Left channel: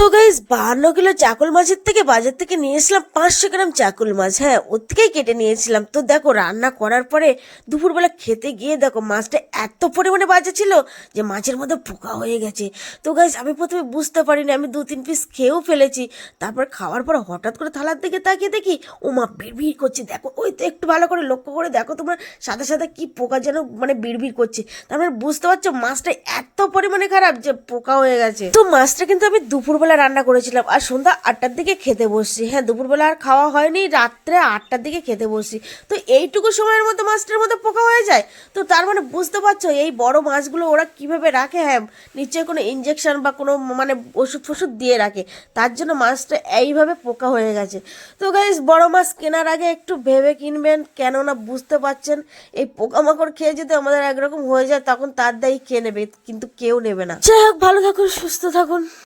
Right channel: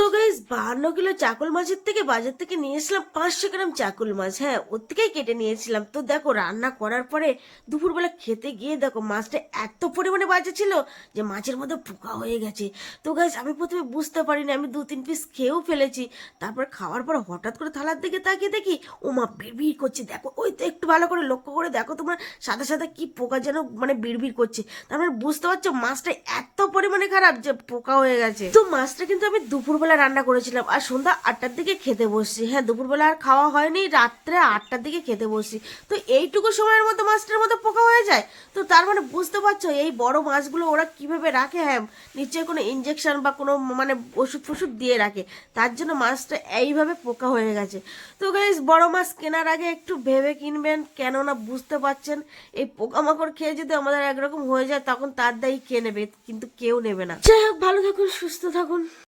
তো guys 52 kilo চাকুল মাছের থেকে বাজার থেকে নিয়ে এসলাম 500 গ্রাম চাকুল মাছ। হ্যাঁ, ওর থেকেই কেটে নিয়েছিলাম। তো দেখো রান্না করার পরে দুপুরবেলা খেতে গিয়ে দেখো মাছটা এত পরিমাণে বাজে ছিল যে মাছের মধ্যে পোকা হয়ে গেছে। তো গাইস আমি প্রথমে বুঝতে পারিনি, আমি 2-3 পিস খেয়েও ফেলেছি। তারপর খাওয়ার পর হঠাৎ করে থালার দিকে তাকিয়ে দেখি ও মা বিড়বিড় করছে। দেখো ওই তো একটু ভালো করে লক্ষ্য করে দেখো তোমরা, সাদা সাদা কি পোকা যেন মানে বিড়বিড় করছে। তার মানে বুঝতে পারছো মাছটা এত পরিমাণে খারাপ যে পোকা হয়ে গেছে। তো মাছটা কিন্তু আমি দুপুরবেলা রান্না করেছিলাম আর সন্ধ্যা 8টার দিকে খেতে বসছি। হ্যাঁ, দুপুরবেলা আর খাওয়া হয়নি, রাত্রে 8টার দিকে খেতে বসছি। তো এইটুকু সময়ের মধ্যে মাছটার মধ্যে পোকা হয়ে যায়। তো তার মানে বুঝতে পারছো এই বড় মাছগুলো ওরা কিভাবে রাখে। হ্যাঁ, নিশ্চয়ই কোনো ইঞ্জেকশন বা কোনো মানে ওষুধ ফষুধ দিয়ে রাখে, তার জন্য মাছটা এইভাবে পোকা হয়ে গেছে। তো গাইস বড় মাছ কেনার আগে একটু ভেবে কিনবেন, কেননা বুঝতে পারছেন এই পোকামাকড় খেয়ে যদি আমাদের একরকম হয়ে যায় তখন তার দায়ী কে নেবে? কিন্তু কেউ নেবে না। যাই হোক, ভালো থাকুন, সুস্থ থাকুন।